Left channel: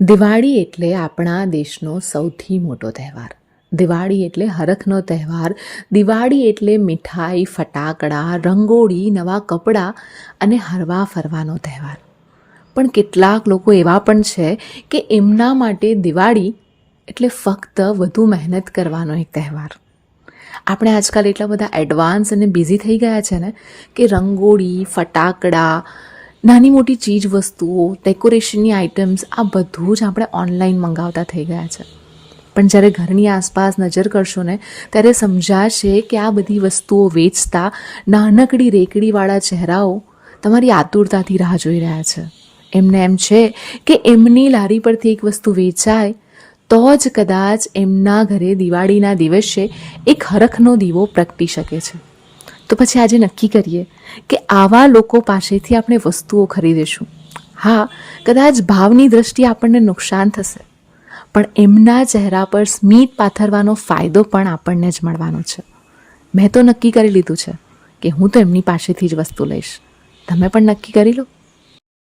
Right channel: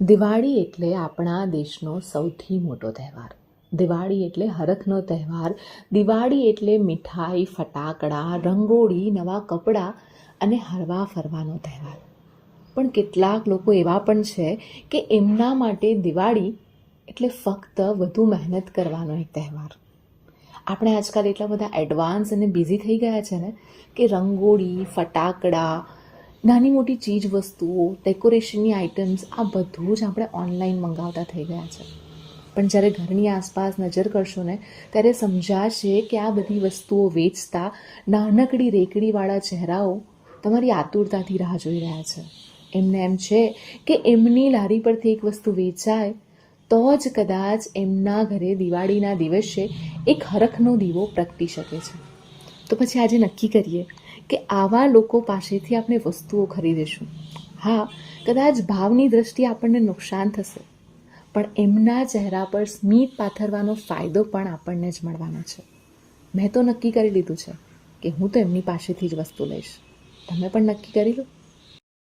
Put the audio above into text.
દિવાળી એટલે આપણા દેશનો સૌથી મોટો તહેવાર. દિવાળી એટલે હરખનો તહેવાર. દિવાળી એટલે મીઠાઈ, ફટાકડા, રંગોળી, નવા કપડાં અને હરવા ફરવાનો તહેવાર. પણ કેટલાક લોકો એવા પણ છે કે એમના માટે દિવાળી એટલે ફક્ત વધુ મહેનત કરવાનો એક તહેવાર. આપણે આજકાલ એટલા બધા એડવાન્સ અને બિઝી થઈ ગયા છે ને કે રંગોળી, ફટાકડા, નાની મોટી ચીજ વસ્તુઓ, ડેકોરેશનની આઇટમ્સ આ બધું જ આપણે ઓનલાઈન મંગાવતા થઈ ગયા છે. પણ જ્યારે ઘરની આસપાસ નજર કરશો ને ત્યારે સમજાશે કે આ બધી વસ્તુઓ વેચતા નાનકડી રેકડીવાળા ચહેરાઓ તમારી આતુરતાથી રાહ જોઈ રહ્યા છે. એમને એમ છે કે એમની લારી પરથી એક વસ્તુ વેચાય તો જ કદાચ એમના ઘરે દિવાળીના દિવસે એક હરખનો દીવો પ્રગટી શકે છે. તો પછી આજે નક્કી કરીએ કે આવા લોકો પાસેથી આપણે વસ્તુઓ ખરીદીશું. હા, કદાચ ભાવની દૃષ્ટિએ આપણને નુકસાન થશે, પણ એમના ચહેરા પર સ્મિત પાથરવાનો ફાયદો પણ આપણને જ મળવાનો છે. મેં તો નક્કી કરી લીધું છે કે હું તો એમની પાસેથી જ વસ્તુ લઈશ. તમે પણ નક્કી કરી લો.